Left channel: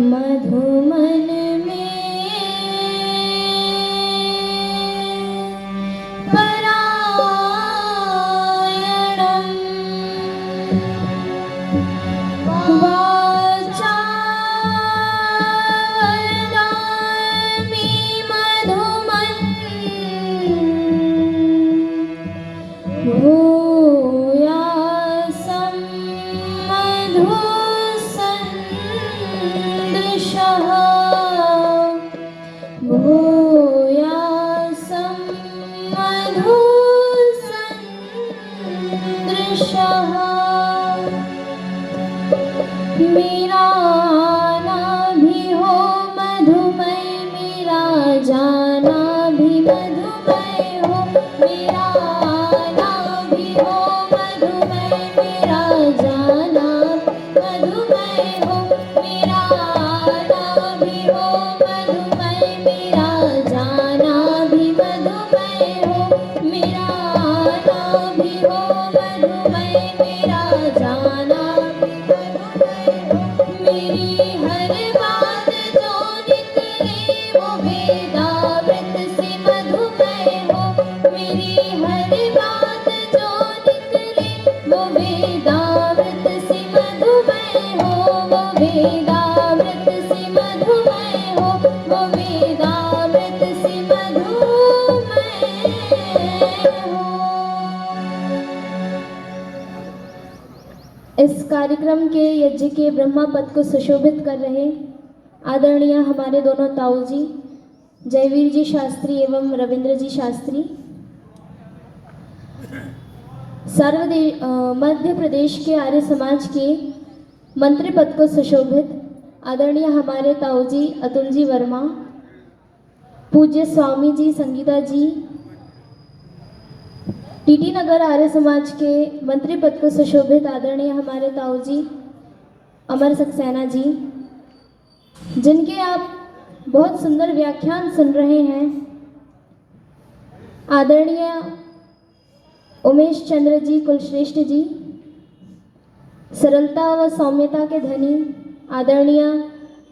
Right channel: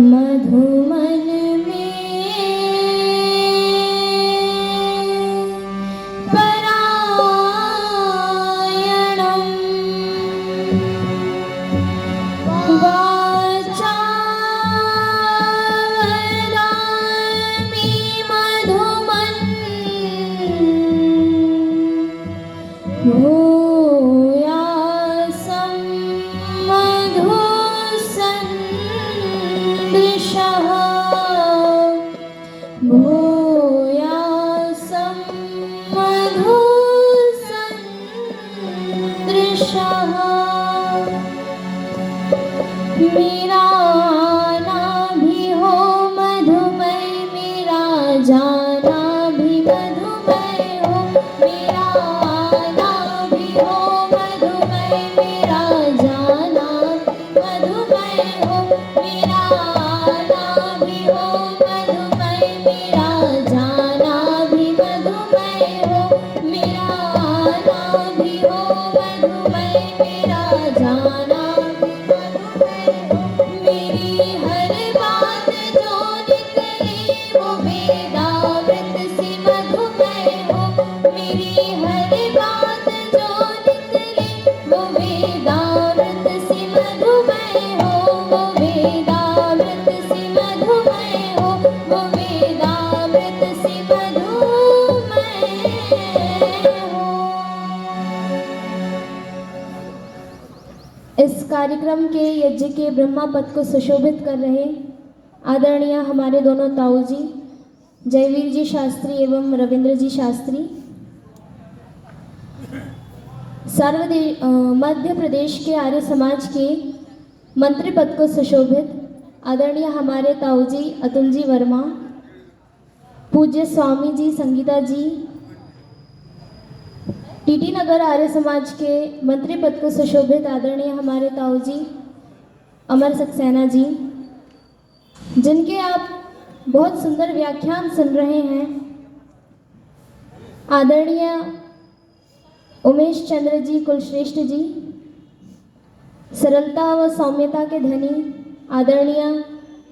मधुमन में परायणं वाचा वदामि मधुमन् भूयासं मधुसन्दृशः भूयासं मधुसन्दृशः मेरा आना भी हो मधुमय मेरा जाना भी मधुमय हो मेरा आना भी हो मधुमय मेरा जाना मधुमय हो मेरा आना भी हो मधुमय मेरा जाना भी मधुमय हो मेरा आना भी हो मधुमय मेरा जाना मेरी हर बात जो निकले वो वेदामृत सी मधुमय हो मेरी हर बात जो निकले वो वेदामृत सी मधुमय हो वो वेदामृत सी मधुमय हो वो वेदामृत सी मधुमय हो। इस कार्यक्रम के यज्ञ के ब्रह्मा पद को सुशोभित कर रहे आदरणीय हमारे दोनों ताऊ जी जयवीर जी शास्त्री एवं रविंद्र जी शास्त्री, मध्य प्रदेश के आर्य समाज के मंत्री पद को सुशोभित आदरणीय हमारे ताऊ जी अतुल जी वर्मा, पूज्य स्वामी जी संगीता जी, टीटी नगर आर्य समाज के मंत्री पद को सुशोभित आदरणीय हमारे ताऊ जी अमर सक्सेना जी, जिनके आप बहुत सुंदर व्याख्यान सुन रहे हैं, आदरणीय उमेश चंद्र जी कुलश्रेष्ठ जी, सरलता व सौम्यता के धनी आदरणीय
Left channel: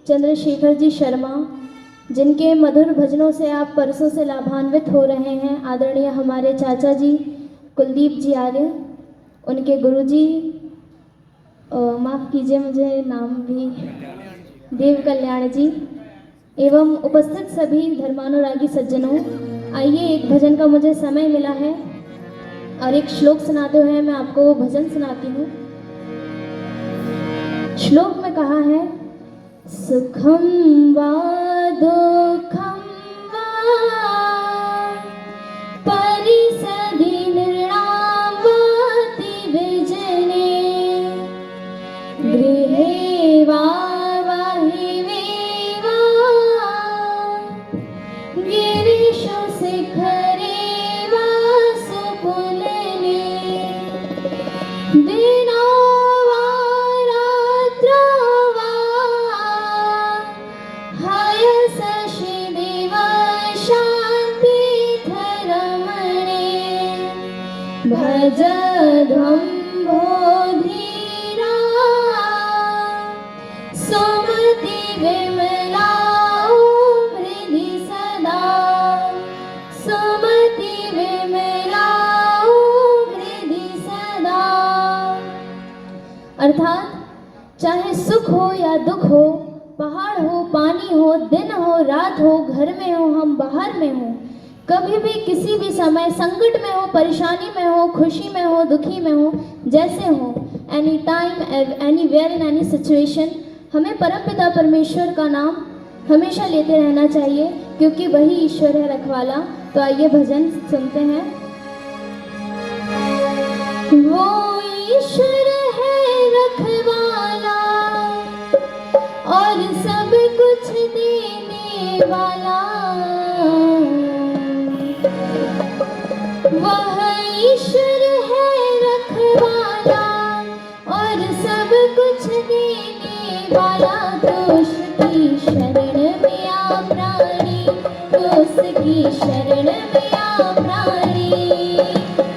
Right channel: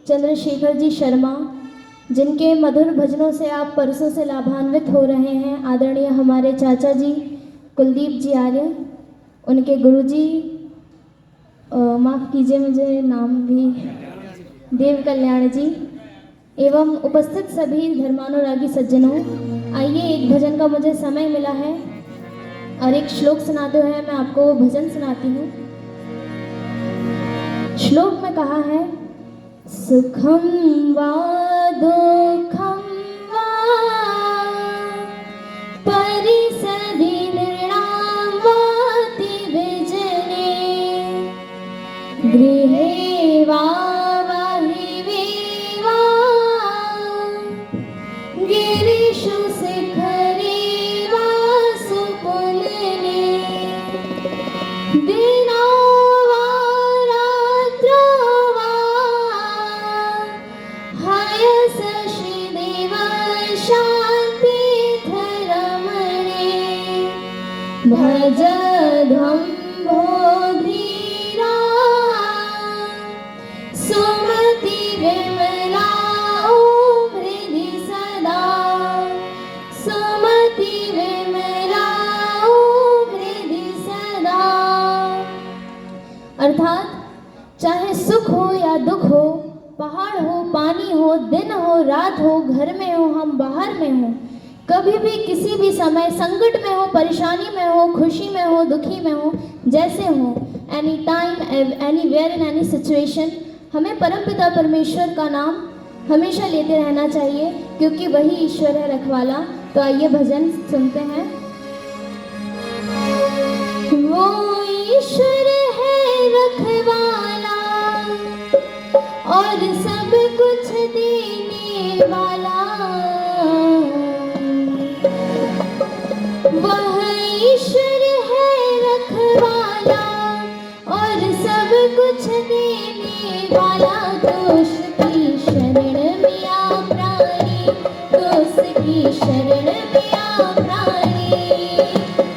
चंद्रशेखर जी शर्मा, जिनके मधुर भजनों से आप परसों से लाभान्वित हो रहे हैं, आदरणीय हमारे चाचा जी कुलदीप जी आर्य, उनके गुरुजी माफ़ कीजिए मुझे नाम भी देव कल्याण जी, एवं उपस्थित सभी धर्मानुरागी सज्जनों। आइए एक भजन का मुझे समय मिला है और एक श्लोक सुनाते हुए मैं आपको भजन सुनाती हूँ। श्लोक में कहा है सुखम वा दुखम वा परिसधि निर्णावाति विजने गृहे वा वाहिवे वा गिरिषु शिखरे वा सुपुलने दिनो वा रात्रो वा हयसशि देव शान्तिधरमणे भज ध्वं बोधिरा सुमति विमलाओ हृदि सदा सुमति विमलाओ हृदि सदा। अर्थात चाहे सुख हो या दुख हो, पहाड़ हो पानी हो, दिन हो रात हो, घर में हो हम बाहर में हो, कभी भी किसी भी समय संकट में हो, परेशानी में हो, खुशी में हो, दुखी में हो, जैसे हो, any time anywhere in any situation, हमें परमपिता परमेश्वर का नाम हमेशा लेते रहना चाहिए, क्योंकि वही ईश्वर है रखवाला। तो आइए भजन सुनते हैं। वो ईश्वर है रखवाला और सब कुछ देने वाला, वह ईश्वर है रखवाला और सब कुछ देने वाला। दोष की शरण में आ प्राणी, दोष की शरण में आ प्राणी,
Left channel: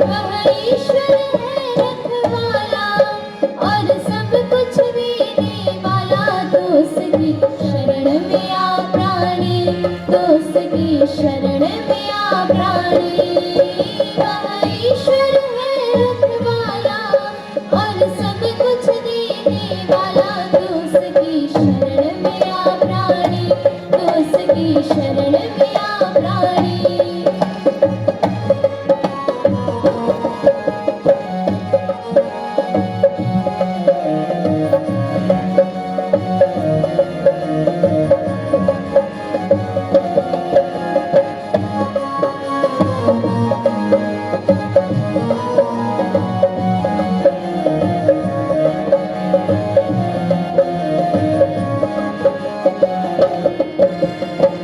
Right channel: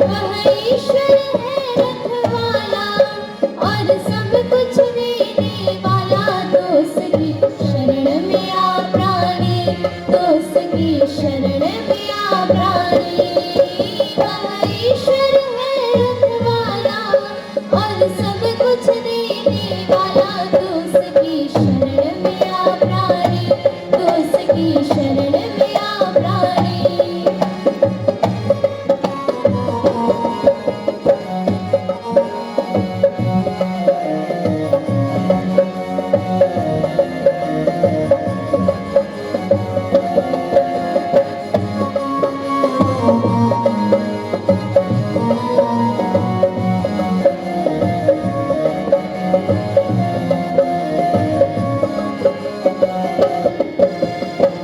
वह ईश्वर है रखवाला और सब कुछ देने वाला। दोष की शरण में आ प्राणी, तो उसकी शरण में आ प्राणी।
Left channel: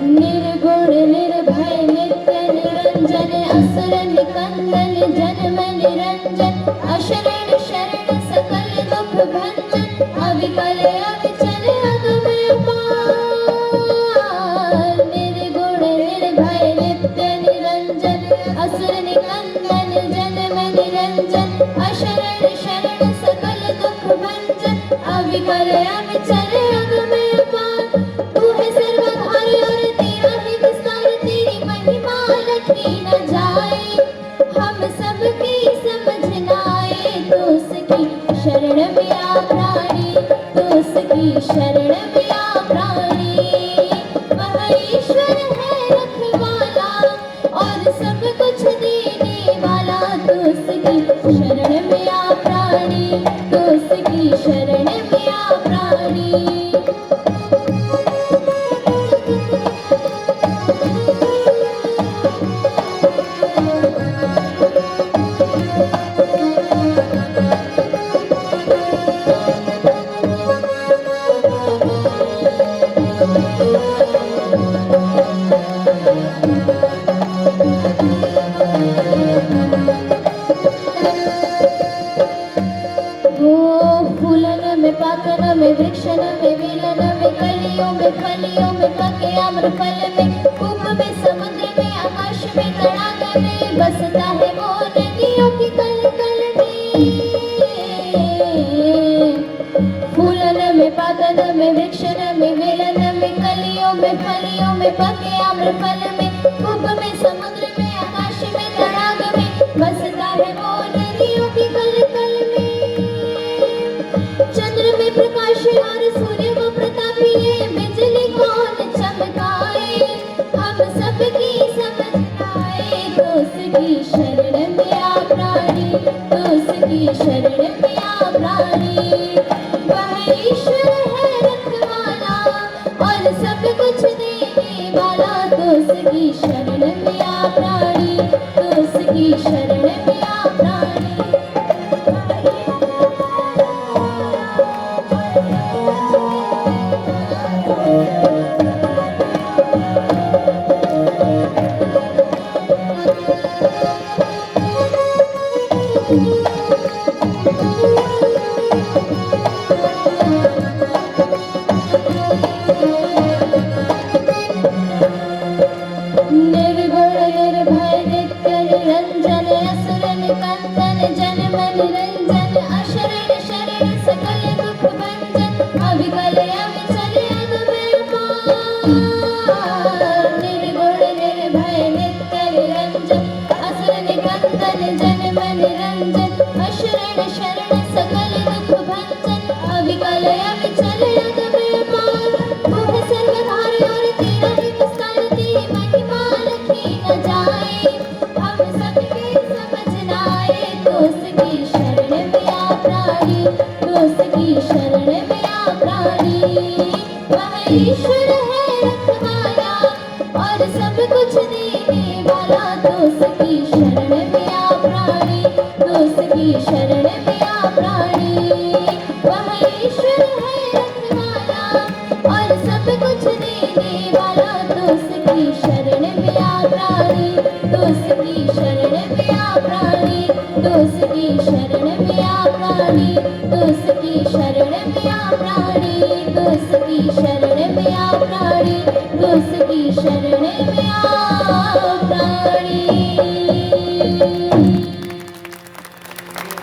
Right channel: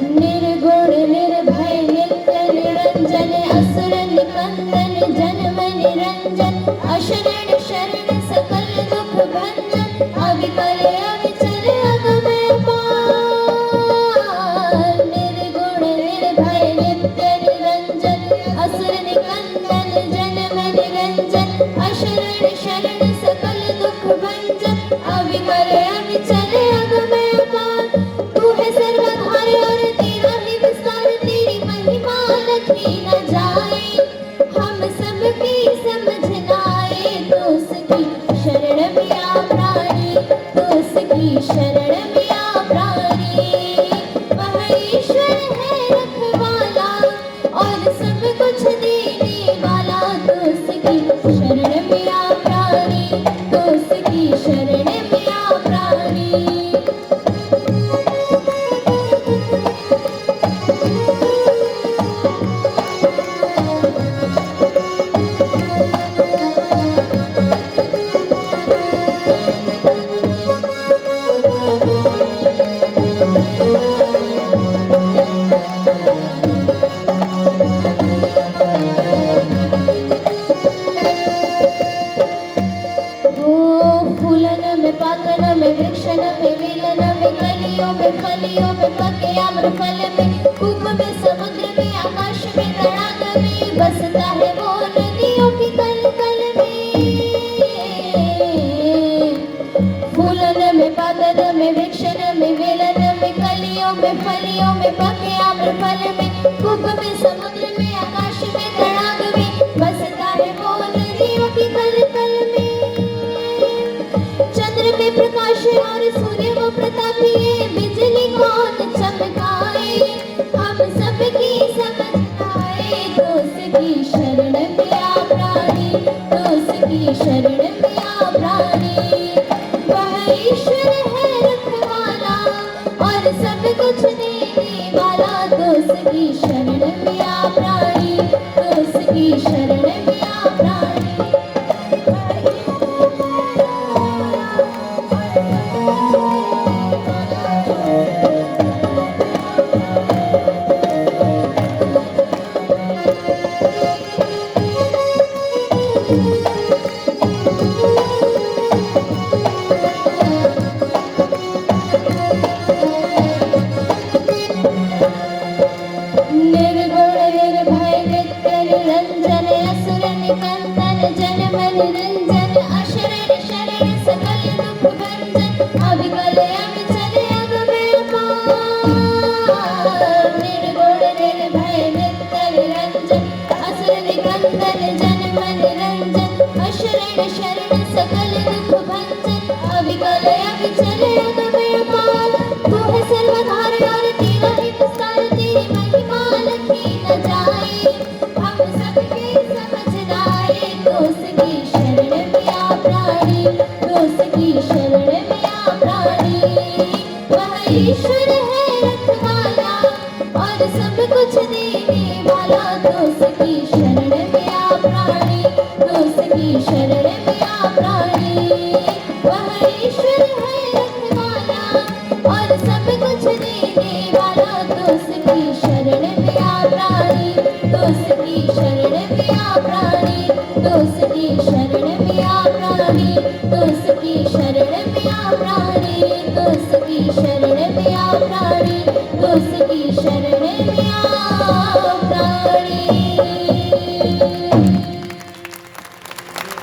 निर्गुण निर्भय नित्य निरंजन, असुर निकंदन जन्म निरंजन, अशरण शरण सकल दुख भंजन, अविकल अविचल अगमय पार। निर्गुण निर्भय नित्य निरंजन, असुर निकंदन जन्म निरंजन, अशरण शरण सकल दुख भंजन, अविकल अविचल अगमय पार। तू है सर्वधारी और तेरा ही विस्तार, तेरी महिमा लखी न जाए, हम सबकी समझ न आए, तो उसकी शरण में आ प्राणी, तो उसकी शरण में आ प्राणी। वह ईश्वर है रखवाला और सब कुछ देने वाला, तो उसकी शरण में आ प्राणी, तो उसकी शरण में आ प्राणी। फूलन में पाकन में वृक्षण में विलन में कलियों में फलियों में पके अम्र फल में, कूप में समुद्र में आकाश में तड़ाग में, बसता है वो नदियों की कल कल में। फूलन में पाकन में वृक्षण में विलन में कलियों में फलियों में पके अम्र फल में, कूप में समुद्र में आकाश में तड़ाग में, बसता है वो नदियों की कल कल में। चंद्र में प्रकाश और सूर्य को प्रतापी, बिजली कौन चमकाए, हम सबकी समझ आए, तो उसकी शरण में आ प्राणी, तो उसकी शरण में आ प्राणी। वह ईश्वर है रखवाला और सब कुछ देने वाला, तो उसकी शरण में आ प्राणी, तो उसकी शरण में आ प्राणी। निर्गुण निर्भय नित्य निरंजन, असुर निकंदन जन्म निरंजन, अशरण शरण सकल दुख भंजन, अविकल अविचल अगमय पार। निर्गुण निर्भय नित्य निरंजन, असुर निकंदन जन्म निरंजन, अशरण शरण सकल दुख भंजन, अविकल अविचल अगमय पार। तू है सर्वधारी और तेरा ही विस्तार, तेरी महिमा लखी न जाए, हम सबकी समझ न आए, तो उसकी शरण में आ प्राणी, तो उसकी शरण में आ प्राणी। वह ईश्वर है रखवाला और सब कुछ देने वाला, तो उसकी शरण में आ प्राणी, तो उसकी शरण में आ प्राणी। वह ईश्वर है रखवाला और सब कुछ देने वाला, तो उसकी शरण में आ प्राणी, तो उसकी शरण में आ प्राणी, तो उसकी शरण में आ प्राणी, तो उसकी शरण में आ प्राणी, तो उसकी शरण में आ प्राणी, तो उसकी शरण